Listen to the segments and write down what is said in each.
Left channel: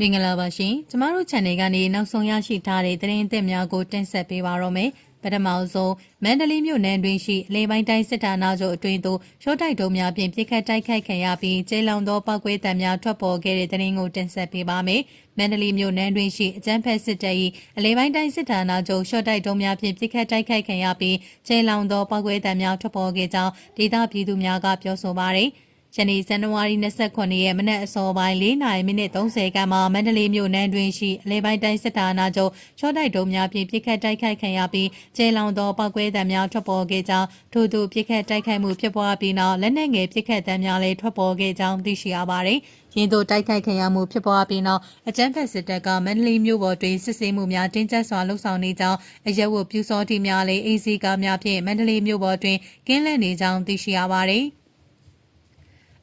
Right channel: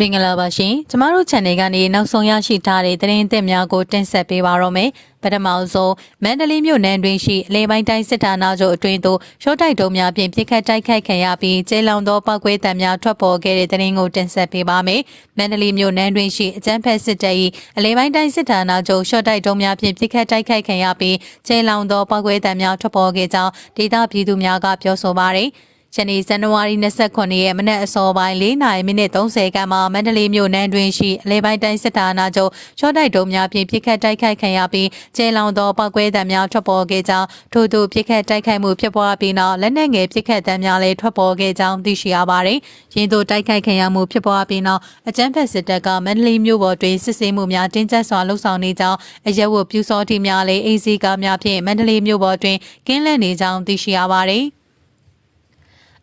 မင်္ဂလာပါရှင်ကျမတို့ channel ကနေနောက်ဆုံးရရှိထားတဲ့သတင်းသစ်များကိုတင်ဆက်ပေးပါတော့မယ်ပထမဆုံးမန္တလေးမြို့နယ်တွင်ရှိအလဲပိုင်းတိုင်းစစ်ဌာနချုပ်အတွင်းသို့ရှော့တိုက်တုံးများဖြင့်ပြစ်ခတ်တိုက်ခိုက်ခံရပြီးကျဲလောင်သောပောက်ကွဲတံများထွက်ပေါ်ခဲ့တဲ့သတင်းကိုတင်ဆက်ပေးပါမယ်မန္တလေးမြို့နယ်တွင်ရှိအကြမ်းဖက်စစ်တပ်၏အလဲပိုင်းတိုင်းစစ်ဌာနချုပ်ရှော့တိုက်တုံးများဖြင့်ပြစ်ခတ်တိုက်ခိုက်ခံရပြီးကျဲလောင်သောပောက်ကွဲတံများထွက်ပေါ်ခဲ့ကြောင်းဒေသပြည်သူများကပြောဆိုပါရယ်ယနေ့ဇန်နဝါရီ29ရက်မနက်အစောပိုင်း4:30ခန့်မှာမန္တလေးမြို့နယ်တွင်ရှိအလဲပိုင်းတိုင်းစစ်ဌာနချုပ်ရှော့တိုက်တုံးများဖြင့်ပြစ်ခတ်တိုက်ခိုက်ခံရပြီးကျဲလောင်သောပောက်ကွဲတံများထွက်ပေါ်ခဲ့ကြောင်းထို့သို့ပြစ်ခတ်တိုက်ခိုက်မှုဖြစ်ပွားပြီးနောက်လက်နက်ငယ်ပြစ်ခတ်တံများလည်းထွက်ပေါ်ခဲ့ကြောင်းသိရှိရပါသည်။ရင်းသို့တိုက်ခိုက်ခံရမှုဖြစ်ပွားပြီးနောက်အကြမ်းဖက်စစ်တပ်ကမန္တလေးမြို့ပေါ်တွင်စစ်ဆေးမှုများတင်းကျပ်စွာလှုပ်ဆောင်နေကြောင်းအရက်ဝတ်ပြူစောတိများလည်းအေးစီကားများဖြင့်မန္တလေးမြို့ပေါ်တွင်ကင်းလှည့်နေကြောင်းသိရှိရပါသည်။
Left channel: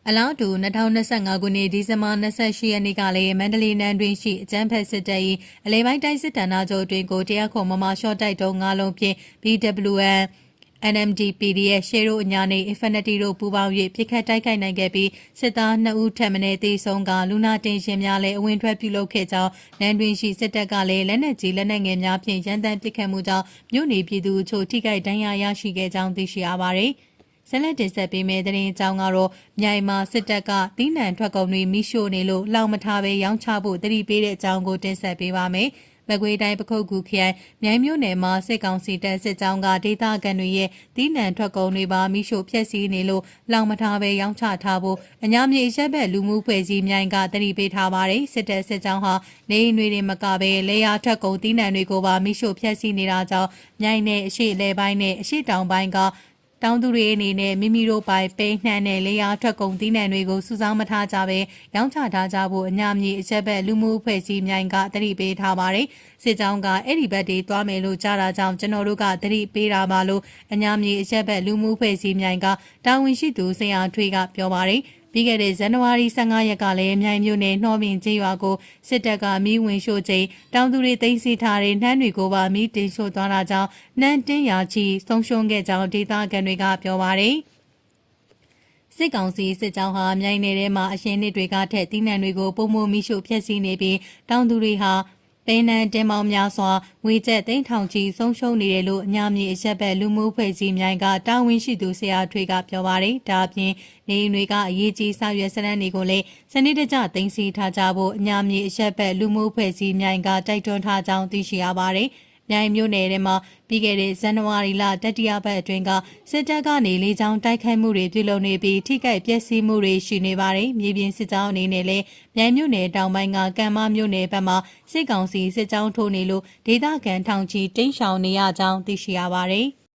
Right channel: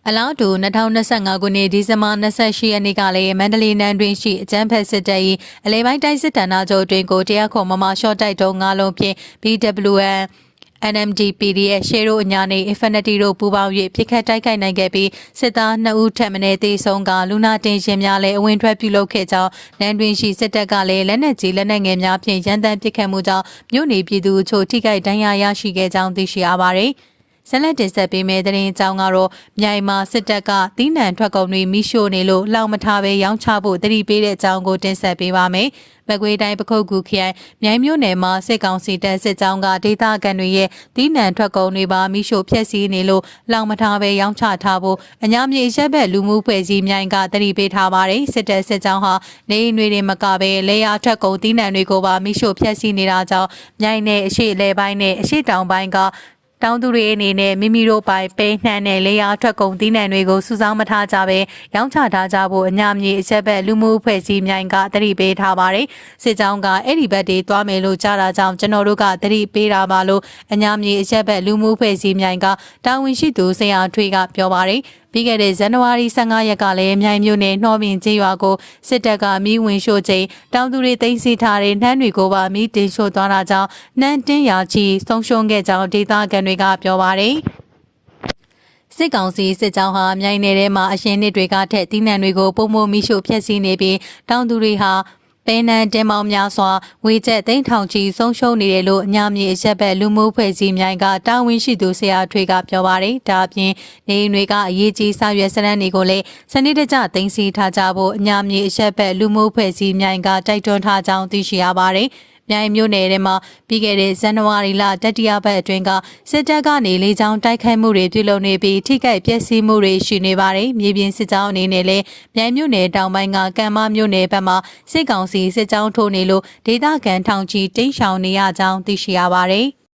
အလားတူ2025ခုနှစ်ဒီဇင်ဘာ28ရက်နေ့ကလည်းမန္တလေးနန်းတွင်ရှိအကြမ်းဖက်စစ်တပ်၏အလဲပိုင်းတိုင်းစစ်ဌာနချုပ်တွင်ကိုတရားခုံမမရှော့တိုက်တုံး9လုံးဖြင့် BWN NMDPDF ရှေရိုအညာနေ Infinity တို့ပူးပေါင်း၍ပြစ်ခတ်တိုက်ခိုက်နိုင်ခဲ့ပြီးစစ်သား2ဦးထပ်မံသေဆုံးကလူနာတင်ရှင်များလည်းအဝင်ထွက်ပြုလုပ်ခဲ့ကြောင်းနန်းတွင်ရှိစစ်တပ်ကလည်းလက်နက်ကြီးလက်နက်ငယ်များဖြင့်ရန်တမ်းပစ်ခတ်မှုကြောင့်မြို့နေပြည်သူအချို့ထိခိုက်ဒဏ်ရာရရှိခဲ့ကြောင်းသိရှိရပါသည်ဆက်လက်တင်ဆက်ပေးမယ့်သတင်းအကြောင်းကတော့မြိုင်မှာစစ်တပ်ကတီးနှံထွက်ကုန်တွေမိရှို့နေလို့လောင်မထားပဲရောင်းချဖို့တတိပေးတဲ့အကြောင်းကိုတင်ဆက်ပေးပါမယ်။မကွေးတိုင်းပခုတ်ကူခရိုင်မြိုင်မြို့နယ်မှာစစ်ကောင်စီတပ်စစ်ကြောင်းကဒေသခံတွေရဲ့တီးနှံထွက်ကုန်တွေပါမိရှို့ဖျက်ဆီးနေလို့လောင်မထားပဲရောင်းချထားဖို့အညာမြေရက်ဘက်လူမှုဖွဲ့စည်းမြိုင်ကတတိပေးထားပါတယ်။စစ်တပ်စစ်ကြောင်းဟာနေအိမ်တွေမကပဲလေယာထွက်ကုန်တီးနှံတွေကိုပါမိရှို့ဖျက်ဆီးနေတာကြောင့်မြိုင်နယ်အရှိအလဲပိုင်းနဲ့အရှိတောင်ပိုင်းကတောင်သူတွေအနေနဲ့မိမိတို့ပိုင်ပဲနှံနဲ့လေယာထွက်ကုန်သီးနှံတွေကိုစုဆောင်းမထားကြပဲရောင်းချထားကြဖို့အညာမြေအချက်ဘက်လူမှုအဖွဲ့အစည်းမြိုင်ကတတိပေးထားပါတယ်စစ်ကြောင်းကအဲ့ဒီဘက်တွေသွားမယ်လို့ကြားတာကြောင့်ကျွန်တော်တို့ကတတိပေးတာပါလို့အညာမြေအချက်ဘက်လူမှုအဖွဲ့အစည်းမြိုင်ကတာဝန်ရှိသူဆရာထွေးကပြောပါတယ်ပြီးခဲ့တဲ့ဇန်နဝါရီ15ရက်ကလည်းမြိုင်မြို့နယ်နှောပင်ကျေးရွာကိုစစ်တပ်ကမီးဝင်ရှို့ချိန်တောင်သူတွေသိမ်းဆည်းထားတဲ့နှမ်းတွေကိုပါမီးတင်ရှို့သွားတာကြောင့်နှမ်းတင်းရာချီဆုံးရှုံးခဲ့ကြောင်းဒေသခံတွေကပြောပါတယ်စစ်ကောင်စီစစ်ကြောင်းဟာမြိုင်နယ်ထဲမှာအရင်နှစ်တွေကထက်တီးနှံတွေကိုပုံမမီးရှို့ဖျက်ဆီးနေပြီးတောင်သူတွေဟာပဲနန်းတင်မောင်များစွာငွေကျပ်သိန်းထောင်ချီဆုံးရှုံးနေတယ်လို့အညာမြေအချက်ဘက်လူမှုဖွဲ့စည်းမြိုင်ကတာဝန်ရှိသူဆရာထွေးကပြောပါတယ်။ဒါအပြင်နေအိမ်တွေကအရေးကြီးစာရွက်စာတမ်းတွေကိုလည်းစနစ်တကျသိမ်းဆည်းထားကြဖို့အညာမြေအချက်ဘက်လူမှုဖွဲ့စည်းမြိုင်ကတိုက်တွန်းထားကြောင်းသိရှိရပါတယ်။မြိုင်မြို့နယ်ထဲမှာပြီးခဲ့တဲ့ဇန်နဝါရီလတတိယပတ်အတွင်းကစစ်တပ်ကနေလေကြောင်းတိုက်ခိုက်မှုတွေပြုလုပ်နေပြီးထိခိုက်ပျက်စီးမှုတွေရှိနေပါတယ်။မြေပြင်စစ်ကြောင်းအနေနဲ့လည်းမြိုင်မြို့နယ်တောင်ပိုင်းကကံမမြို့နယ်ဘက်မှာစစ်ကောင်စီစစ်ကြောင်းထိုးနေလို့ဒေသခံထောင်ချီတိမ်းရှောင်နေရကြောင်းသိရှိရပါတယ်။